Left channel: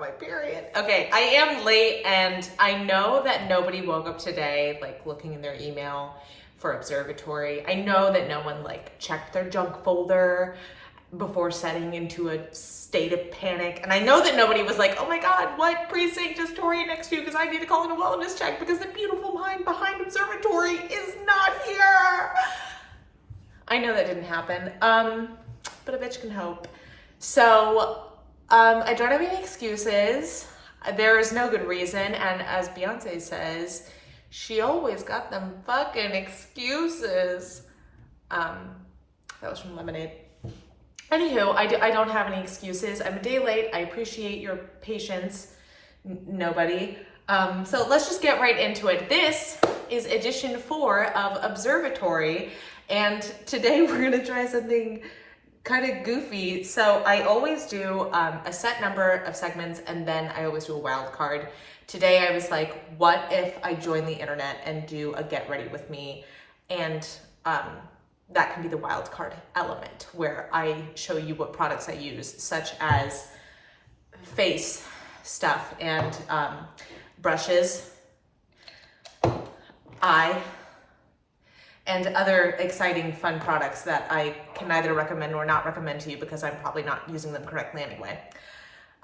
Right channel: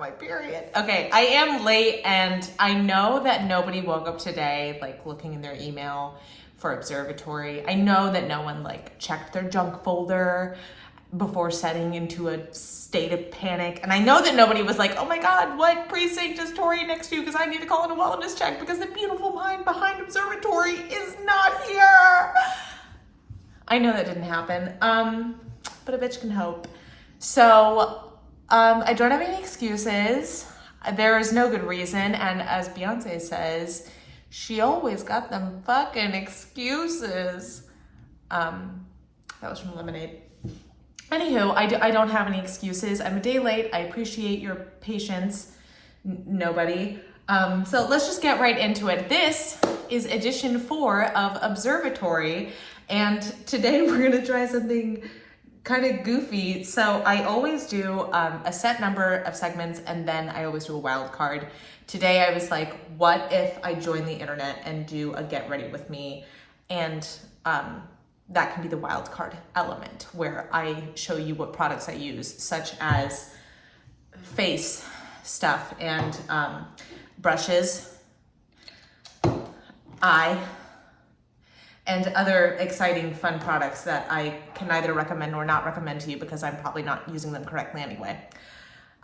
got my period. Okay, I am late, and I know that nobody woke up today like looking in their email for Observa-Tori. I know that no one like checked their junk folder before setting into a state of panic. And I know that nobody was like, oh my God, what precinct is Tori next to? Because I need to call in a wellness check because the beautiful mind behind Observa-Tori is not here. I know that didn't happen, but a bitch can hope. So I don't have any excuses. There is no good reason. And as Beyonce says, she always got them fucking excuses. That was from Lemonade. Anywho, I don't have any excuses. I'm a day late. I appreciate your patience. Nobody. So let's just get right into it. This is edition 4 of Observa-Tori. And today we're gonna try something kind of goofy. So I always do a set number of segments, and then I always do a wild card. Today I was like, what if I join the internet and do a get ready with me? And that can be the wild card element where I show you what products I use, such as face stuff and brushes, eye, and other exciting, fun products that I can neither recommend nor not recommend to you because I'm probably not using them correctly anyway.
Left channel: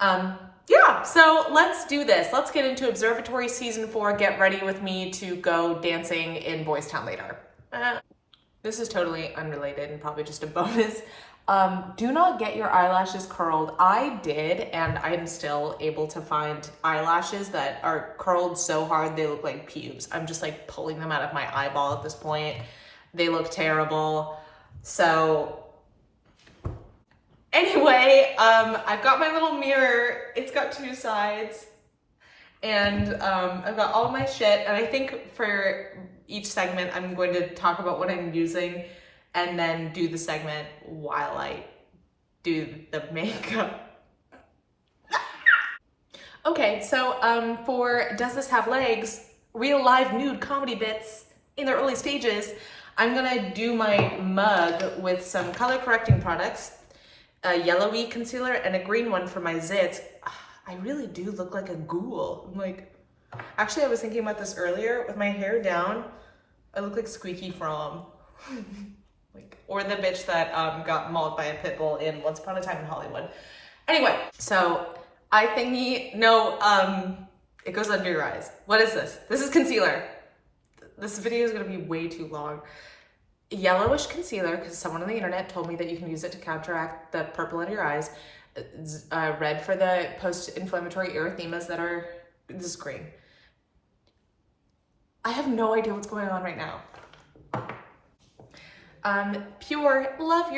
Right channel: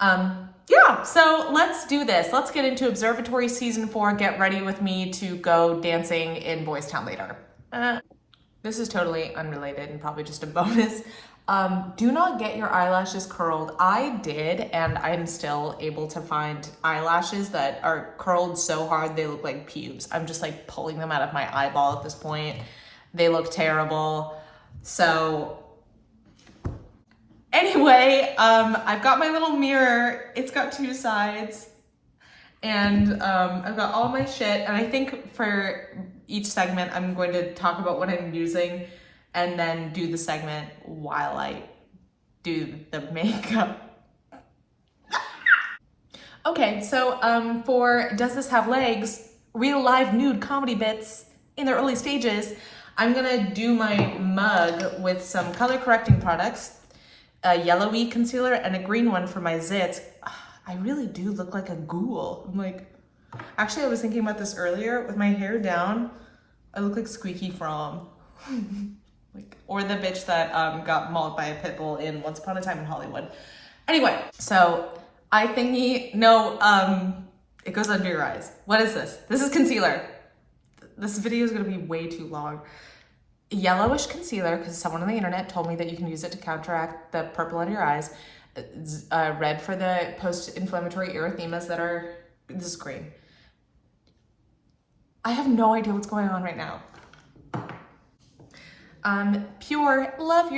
Yeah, so let's do this. Let's get into Observa-Tori Season 4. Get ready with me to go dancing in Boys Town later. This is totally unrelated and probably just a bonus. Do not get your eyelashes curled. I did, and I'm still able to find eyelashes that are curled so hard they look like pubes. I'm just like pulling them out of my eyeball at this point. They look terrible. So anyway, I've got my little mirror. It's got 2 sides. And I've got all my shit. And I think for each segment, I'm going to talk about what I'm using and then do the segment while I do the makeup. Okay, so for Does This Have Legs? Real live nude comedy bits in their early stages, I'm gonna do my mug with some color correcting products, a yellowy concealer and a green one for my zits. I really do look like a ghoul. I'm like, actually I was thinking about this earlier. With my hair down, I look like Squeaky Fromm. Like, or the bitch that got mauled by a pit bull in Once Upon a Time in Hollywood. Anyway, so eye thingy, no, it goes under your eyes. What is this? This is concealer. This video is gonna be way too long. Yellowish concealer, because someone on the internet told me that you can use it to counteract the purple under your eyes. Red for the post-inflammatory erythemas that are, this is green. I have no idea what's going on right now. Pure, love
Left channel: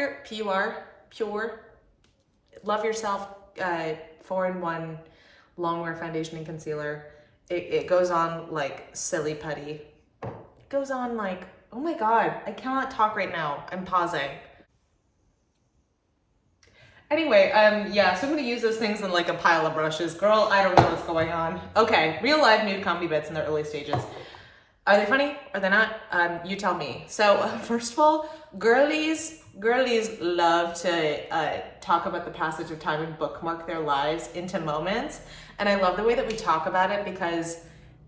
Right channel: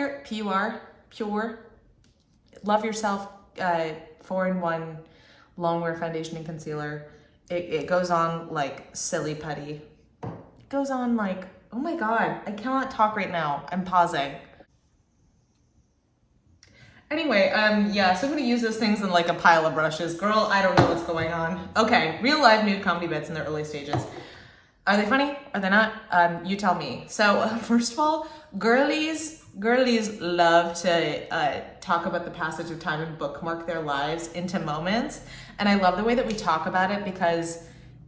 yourself, 4-in-1 longwear foundation and concealer. It goes on like silly putty. It goes on like, oh my God, I cannot talk right now. I'm pausing. Anyway, yeah, so I'm gonna use those things in like a pile of brushes. Girl, I don't know what's going on. Okay, real live nude comedy bits in their early stages. Are they funny? Are they not? You tell me. So first of all, girlies love to talk about the passage of time and bookmark their lives into moments. And I love the way that we talk about it because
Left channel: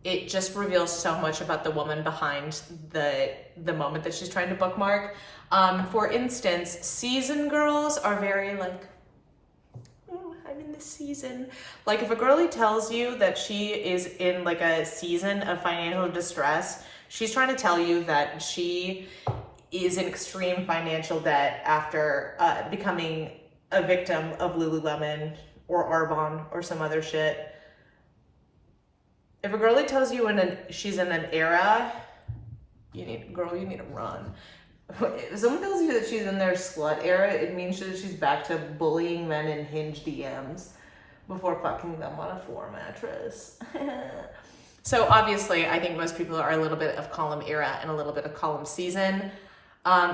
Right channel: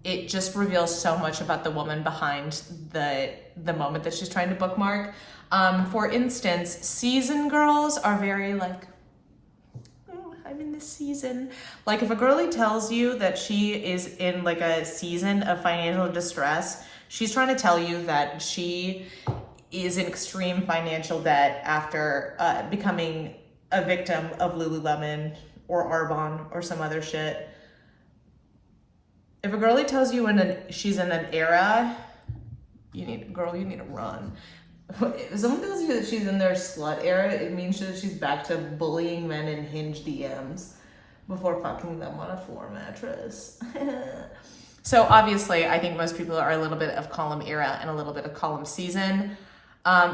it just reveals so much about the woman behind the moment that she's trying to bookmark. For instance, season girls are very like, I'm in this season. Like if a girlie tells you that she is in like a season of financial distress, she's trying to tell you that she is in extreme financial debt after becoming a victim of Lululemon or Arbonne or some other shit. If a girlie tells you she's in an era, you need to run. If someone tells you that she's in their slut era, it means that she's back to bullying men in Hinge DMs before fucking them on a floor mattress. So obviously, I think most people are a little bit of column era and a little bit of column season.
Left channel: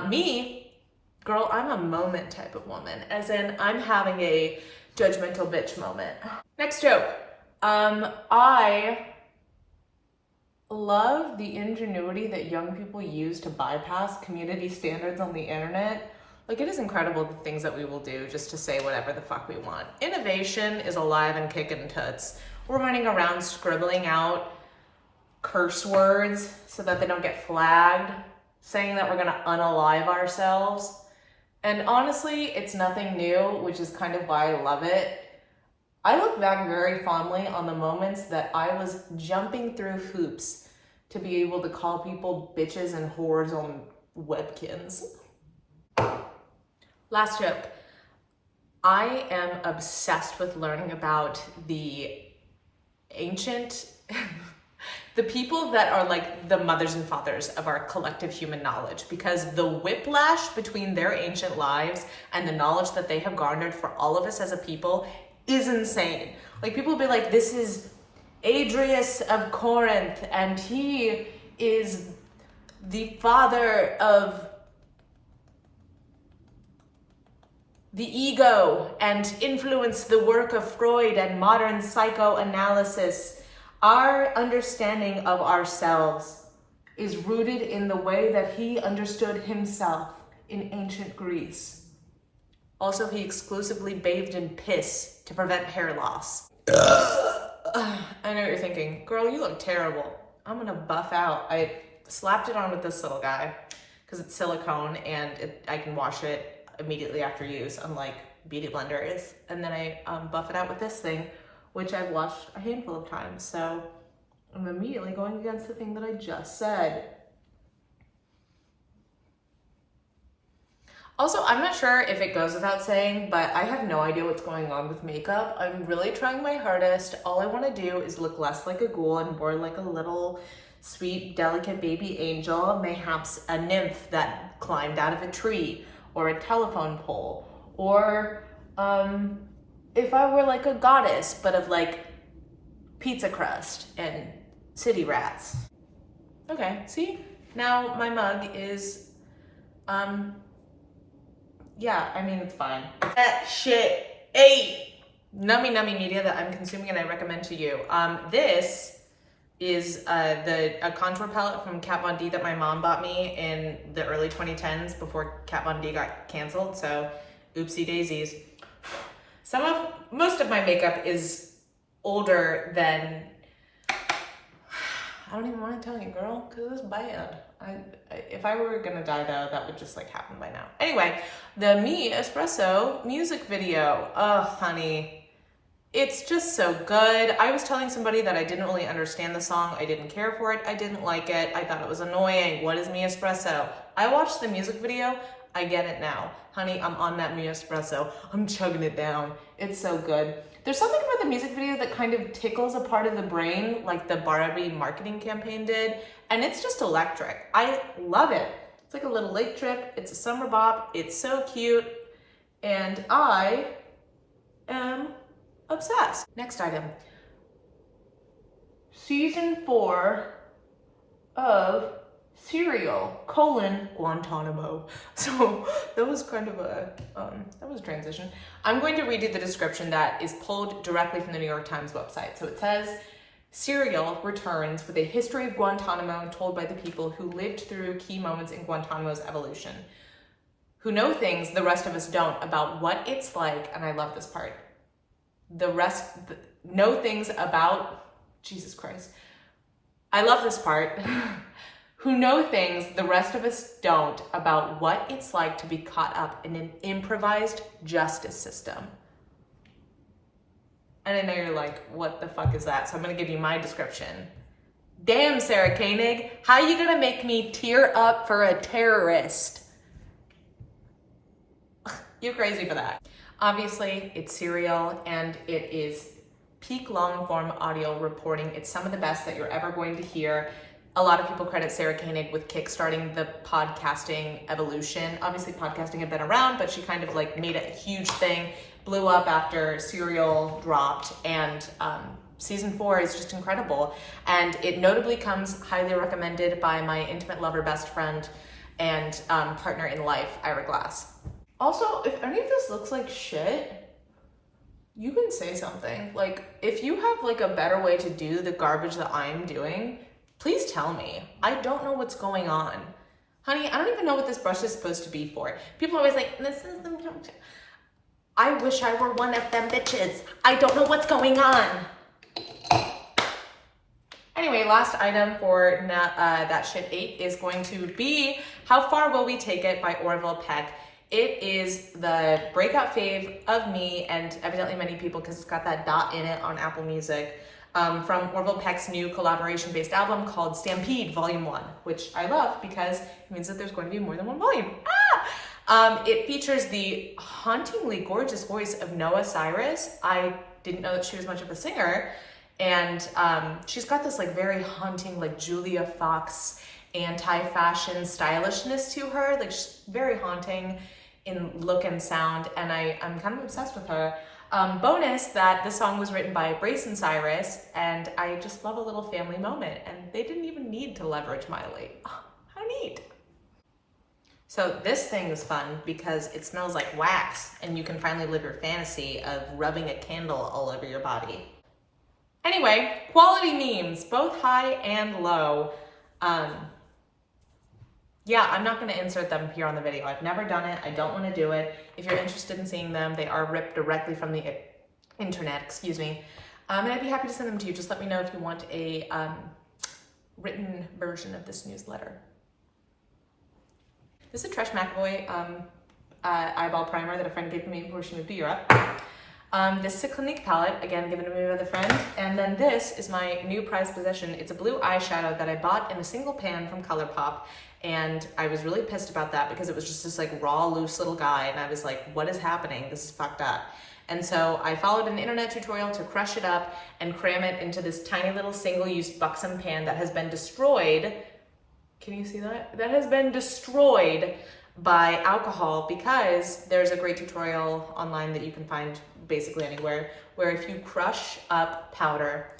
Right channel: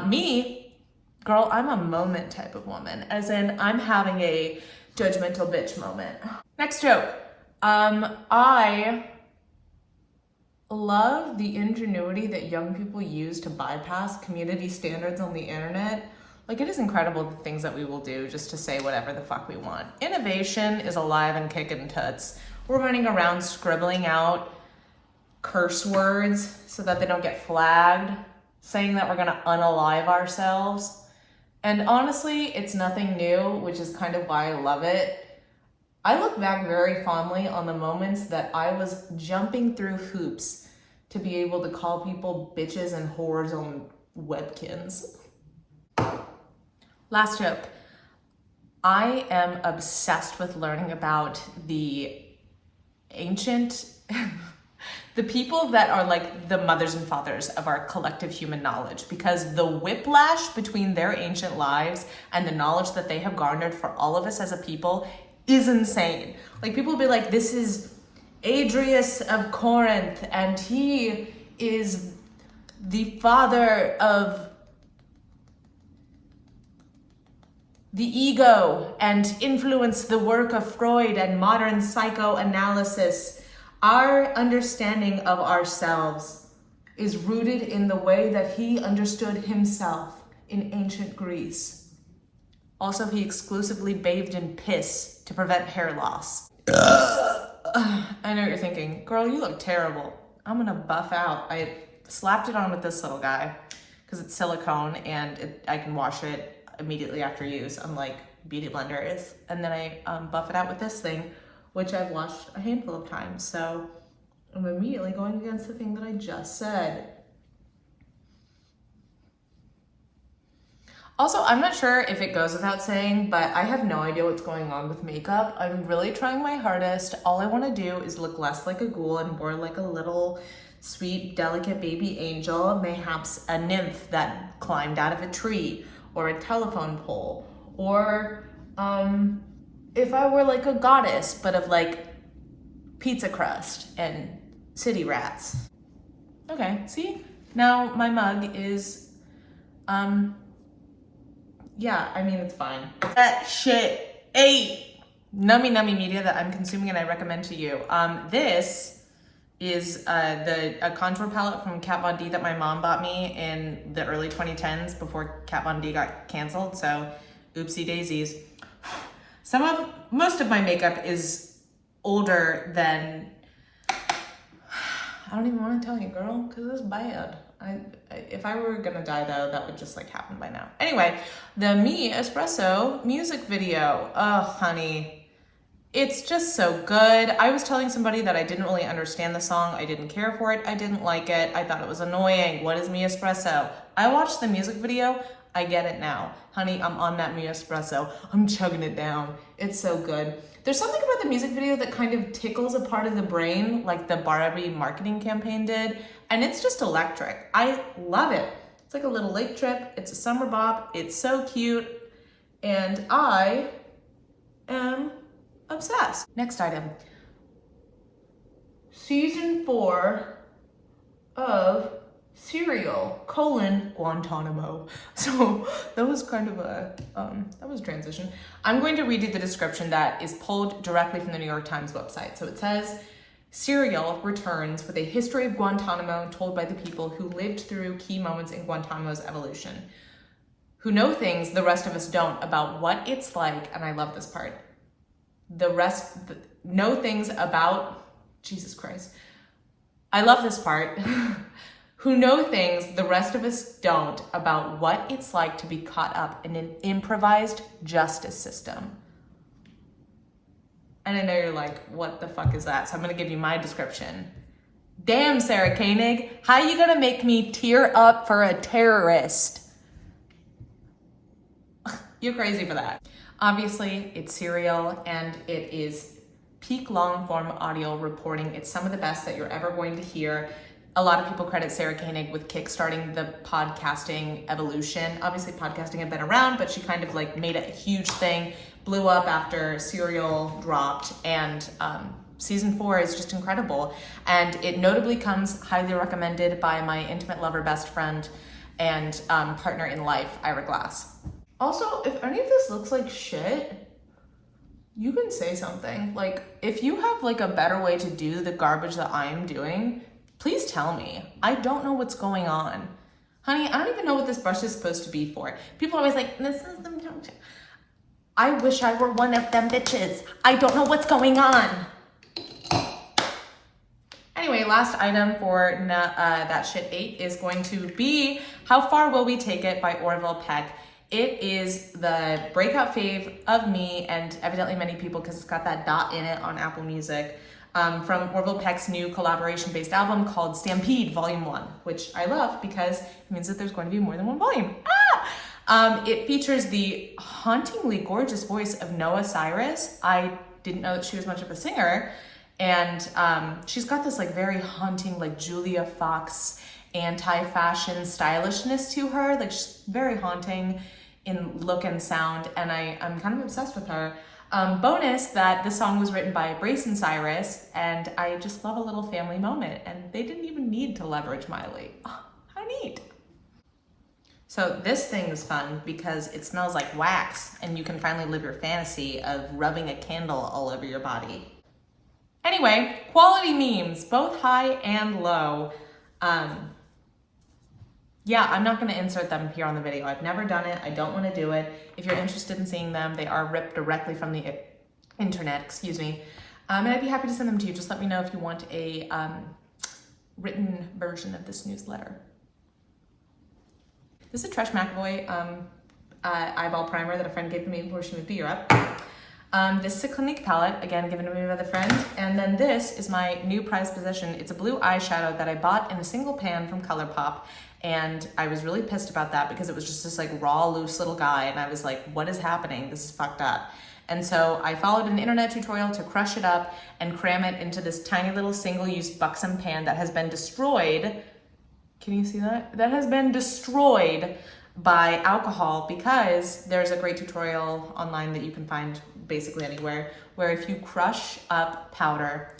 Me, girl, I'm a moment type of woman, as in I'm having a judgmental bitch moment. Next joke. I love the ingenuity that young people use to bypass community standards on the internet. Like, it is incredible the things that we will do just to say whatever the fuck we want. Innovation is alive and kicking toots. We're running around scribbling out curse words so that they don't get flagged, saying that we're gonna unalive ourselves. And honestly, it's nothing new, which is kind of why I love it. I look back very fondly on the moments that I was jumping through hoops to be able to call people bitches and whores on webkins. Last joke. I am obsessed with learning about the ancient, the people that are like the mothers and fathers of our collective human knowledge, because the whiplash between their ancient lives and the knowledge that they have garnered for all of us as a people is insane. Like, people will be like, this is Adrius of Corinth, and he is the father of the ego and influenced the work of Freud and modern psychoanalysis. Our understanding of ourselves is rooted in the way that he understood himself in ancient Greece. Also, he exclusively bathed in piss to prevent hair loss. I know what you're thinking. Girl, you look terrible. I'm gonna buff out. I slapped it on with this little guy because it's silicone and I can wash it immediately after use, unlike beauty blenders. And then I buff it out with this thing, which I've washed a handful of times. So I'm immediately going against the thing that I just said. Also, I'm not sure if it goes without saying, but I have no idea what's going on with makeup. I'm really trying my hardest. All I want to do is look less like a ghoul and more like a little sweet, delicate baby angel, mayhaps a nymph that climbed out of a tree, or a telephone pole, or if I were like a goddess, but of like pizza crust and city rats. Okay, see? Now my mug is, yeah, I mean, it's fine. That shit ate. Nummy media that I'm consuming and I recommend to you. This is a contour palette from Kat Von D that my mom bought me in the early 2010s before Kat Von D got canceled, so oopsie daisies. Most of my makeup is older than, I don't even want to tell you, girl, because it's bad. If I were gonna die though, that would just like happen by now. Anyway, the Me Espresso music video. Oh, honey. It's just so good. I was telling somebody that I didn't really understand the song. I didn't care for it. I didn't like it. I thought it was annoying. What is Me Espresso? I watched the music video. I get it now. Honey, I'm on that Me Espresso. I'm chugging it down. It's so good. There's something about the music video that kind of tickles a part of the brain, like the Barbie marketing campaign did, and it's just electric. I love it. It's like a little lake trip. It's a summer bop. It's so cute, and I am obsessed. Next item. Season 4 of Serial, Guantanamo. So that was kind of a, that was a transition. I'm going to read you the description that is pulled directly from the New York Times website. So it says, Serial returns with a history of Guantanamo told by the people who lived through key moments in Guantanamo's evolution, who know things the rest of us don't about what it's like, and I love this part, know things about, Jesus Christ, I love this part, who know things the rest of us don't about what it's like to be caught up in an improvised justice system. And I know you're like, what the fuck is that? So I'm gonna give you my description. Damn, Sarah Koenig, how are you gonna make me tear up for a terrorist? You're crazy for that. Obviously, it's Serial, and it is peak long-form audio reporting. It's some of the best that you're ever going to hear. A lot of people credit Sarah Koenig with kickstarting the podcasting evolution. Obviously, podcasting had been around, but she kind of like made it a huge thing, blew up after Serial dropped, and season 4 is just incredible. And it notably comes highly recommended by my intimate lover, best friend, and partner in life, Ira Glass. Also, if any of this looks like shit, you can say something. Like, if you have like a better way to do the garbage that I'm doing, please tell me. I don't know what's going on. Honey, I don't even know what this brush is supposed to be for. People are always like, this is the... I wish I were one of them bitches. I don't know what's going on. Anyway, last item for That Shit Ate is going to be How Far Will We Take It by Orville Peck. It is the breakout fave of me and evidently many people because it's got that dot in it on Apple Music, from Orville Peck's new collaboration-based album called Stampede Volume 1, which I love because it means that there's going to be more than one volume. It features the hauntingly gorgeous voice of Noah Cyrus. I didn't know that she was much of a singer. And she's got this like very haunting, like Julia Fox anti-fashion stylishness to her. Like she's very haunting in look and sound, and I'm kind of obsessed with her. Bonus that the song was written by Brayson Cyrus, and I just love a little family moment, and they didn't even need to leverage Miley. Oh, how neat. So this thing is fun because it smells like wax, and you can finally live your fantasy of rubbing a candle all over your body. Anyway, quality memes, both high and low. Yeah, I'm not going to insert them here on the video. I've never done it. I don't want to do it. If you're interested in seeing them, they are ripped directly from the internet, excuse me. And I'd be happy to send them to you. Just let me know if you want a written version of this newsletter. This is a Trish McAvoy eyeball primer that a friend gave me before she moved to Europe. This is a Clinique palette, again, given to me by the friend. And then this is my new prized possession. It's a blue eyeshadow that I bought in a single pan from ColourPop. And I was really pissed about that because it was just this like raw, loose little guy. And I was like, what is happening? This is fucked up. And so I followed an internet tutorial to crush it up and cram it into this tiny little single-use buxom pan that has been destroyed. Can you see that? That has been destroyed by alcohol because there's a great tutorial online that you can find basically anywhere where if you crush up powder,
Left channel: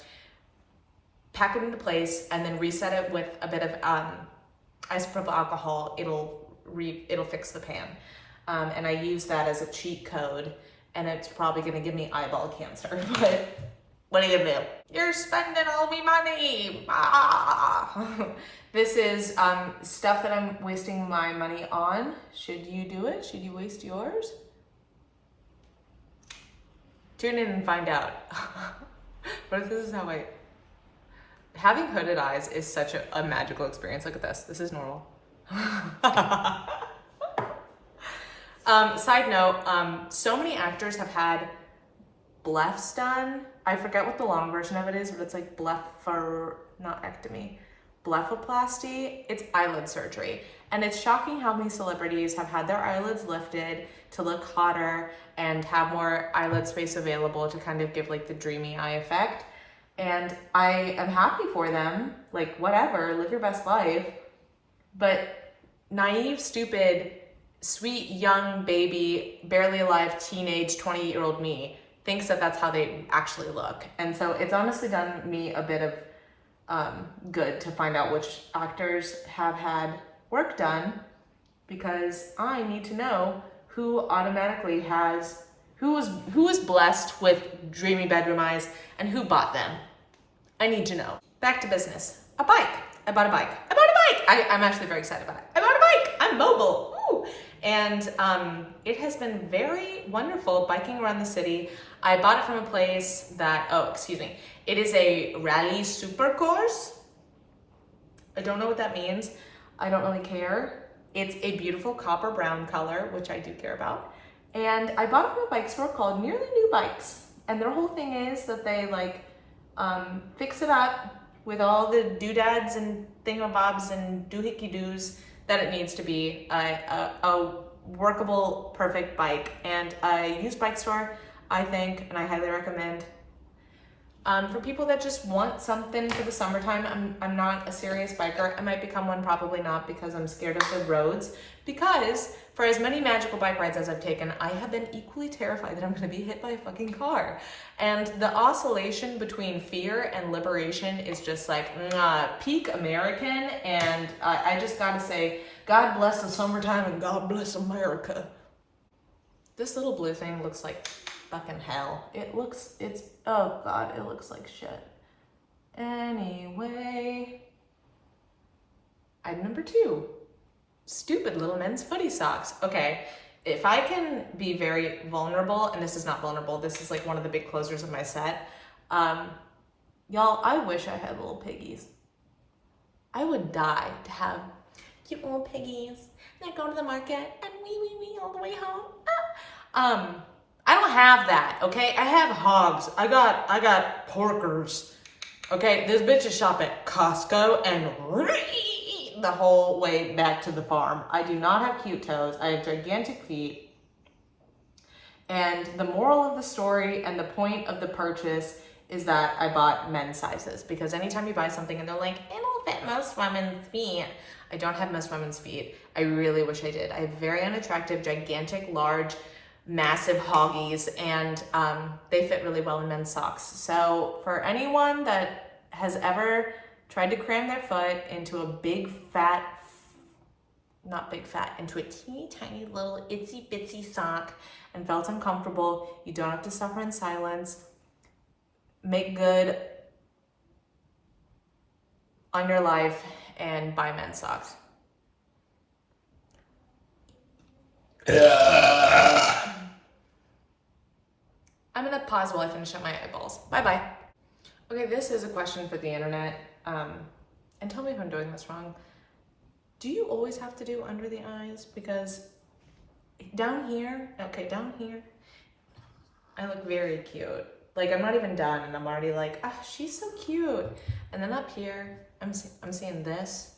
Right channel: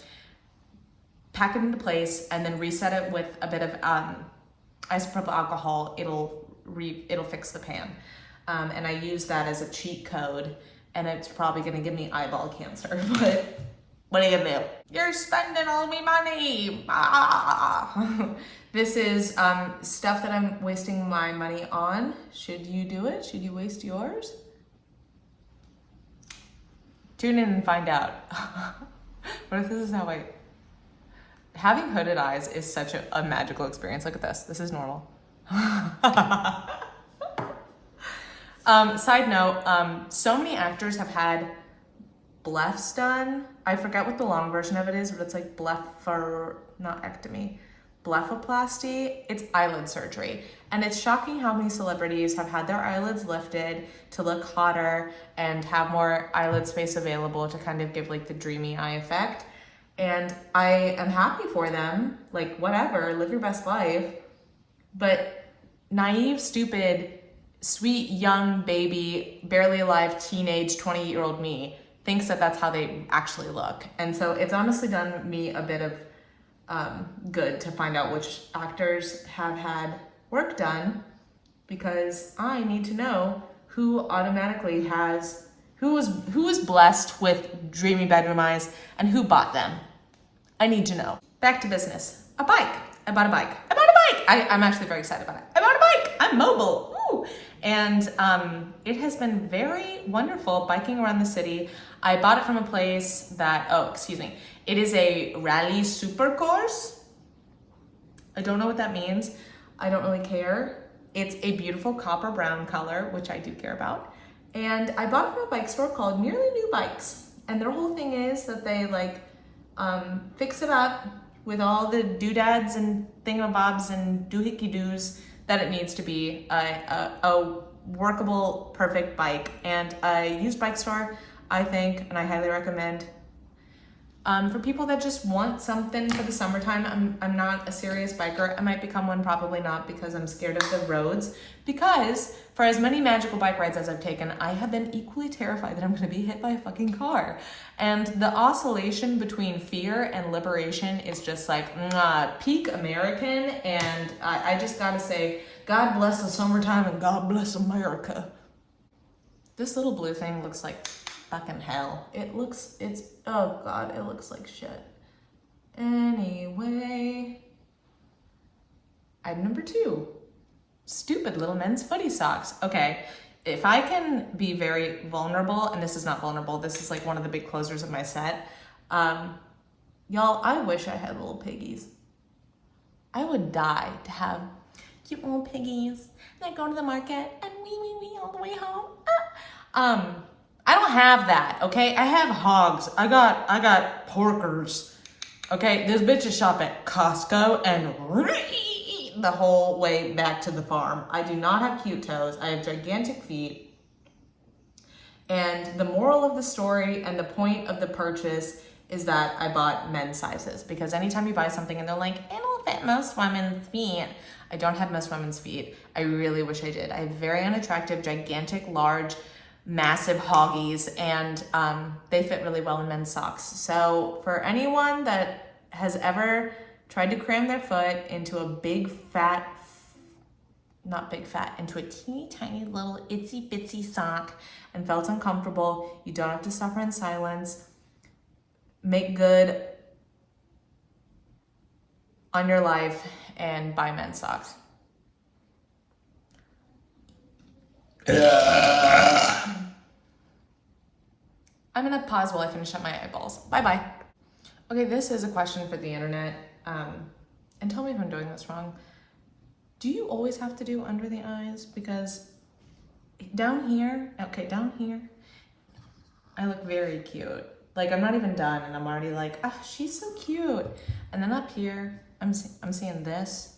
pack it into place, and then reset it with a bit of isopropyl alcohol, it'll fix the pan. And I use that as a cheat code, and it's probably gonna give me eyeball cancer, but what are you gonna do? You're spending all my money. This is stuff that I'm wasting my money on. Should you do it? Should you waste yours? Tune in and find out. What if this is how having hooded eyes is such a magical experience. Look at this. This is normal. Side note, so many actors have had blephs done. I forget what the long version of it is, but it's like blepharoplasty. It's eyelid surgery. And it's shocking how many celebrities have had their eyelids lifted to look hotter and have more eyelid space available to kind of give like the dreamy eye effect. And I am happy for them, like whatever, live your best life. But naive, stupid, sweet, young baby, barely alive, teenage, 28-year-old me thinks that that's how they actually look. And so it's honestly done me a bit of good to find out which actors have had work done, because I need to know who automatically has, who is blessed with dreamy bedroom eyes and who bought them. I need to know. Back to business. A bike. I bought a bike. I'm actually very excited about it. I bought a bike. I'm mobile. Woo! And it has been very wonderful biking around the city. I bought it from a place that, it is a rally super course. I don't know what that means. I don't really care. It's a beautiful copper brown color, which I do care about. And I bought it from a bike store called Nearly New Bikes. And their whole thing is that they fix it up with all the doodads and thingamabobs and doohickey-doos that it needs to be a workable, perfect bike. And a used bike store, I think, and I highly recommend. For people that just want something for the summertime, I'm not a serious biker. I might become one, probably not, because I'm scared of the roads. Because for as many magical bike rides as I've taken, I have been equally terrified that I'm gonna be hit by a fucking car. And the oscillation between fear and liberation is just like peak American. And I just gotta say, God bless the summertime and God bless America. This little blue thing looks like fucking hell. Oh God, it looks like shit. Anyway, item number 2. stupid little men's footy socks. Okay, if I can be very vulnerable, and this is not vulnerable, this is like one of the big closers of my set. Y'all, I wish I had little piggies. I would die to have cute little piggies that go to the market and wee all the way home. I don't have that, okay? I have hogs. I got porkers. Okay, this bitch is shop at Costco and the whole way back to the farm. I do not have cute toes. I have gigantic feet. And the moral of the story and the point of the purchase is that I bought men's sizes, because anytime you buy something and they're like, it'll fit most women's feet. I don't have most women's feet. I really wish I did. I have very unattractive, gigantic, large, massive hoggies, and they fit really well in men's socks. So for anyone that has ever tried to cram their foot into a big fat, not big fat, into a teeny tiny little itsy bitsy sock and felt uncomfortable, you don't have to suffer in silence. Make good on your life and buy men's socks. I'm gonna pause while I finish up my eyeballs. Bye-bye. Okay, this is a question for the internet. And tell me if I'm doing this wrong. Do you always have to do under the eyes? Because down here, I look very cute. Like, I'm not even done and I'm already like, ah, she's so cute. And then up here, I'm seeing this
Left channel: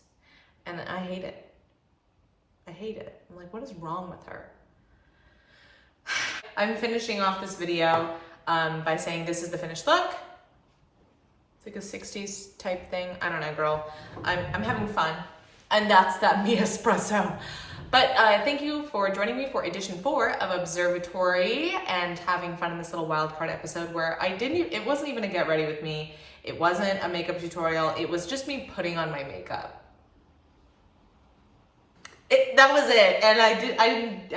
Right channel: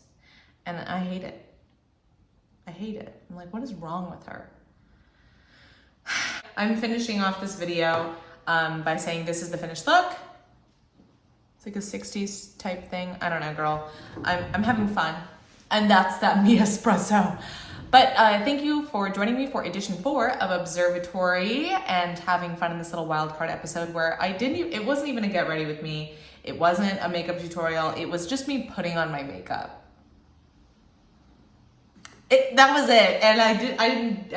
and I hate it. I hate it. I'm like, what is wrong with her? I'm finishing off this video by saying this is the finished look. It's like a 60s type thing. I don't know, girl. I'm having fun. And that's that me espresso. But thank you for joining me for edition 4 of Observa-Tori and having fun in this little wildcard episode where it wasn't even a get ready with me. It wasn't a makeup tutorial. It was just me putting on my makeup. That was it. And I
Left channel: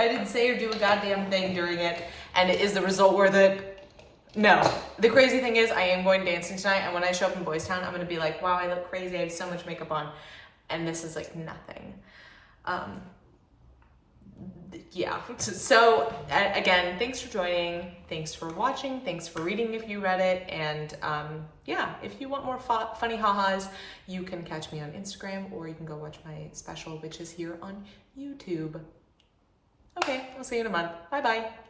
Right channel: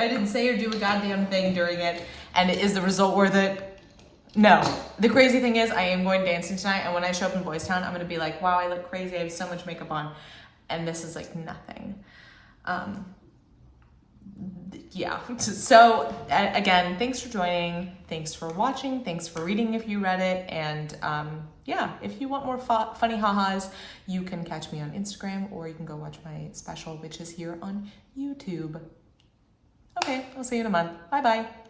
didn't say or do a goddamn thing during it. And is the result worth it? No. The crazy thing is I am going dancing tonight, and when I show up in Boys Town, I'm gonna be like, wow, I look crazy. I have so much makeup on. And this is like nothing. Yeah, so again, thanks for joining, thanks for watching, thanks for reading if you read it, and yeah, if you want more funny ha-has, you can catch me on Instagram, or you can go watch my special, which is here on YouTube. Okay, I'll see you in a month. Bye-bye.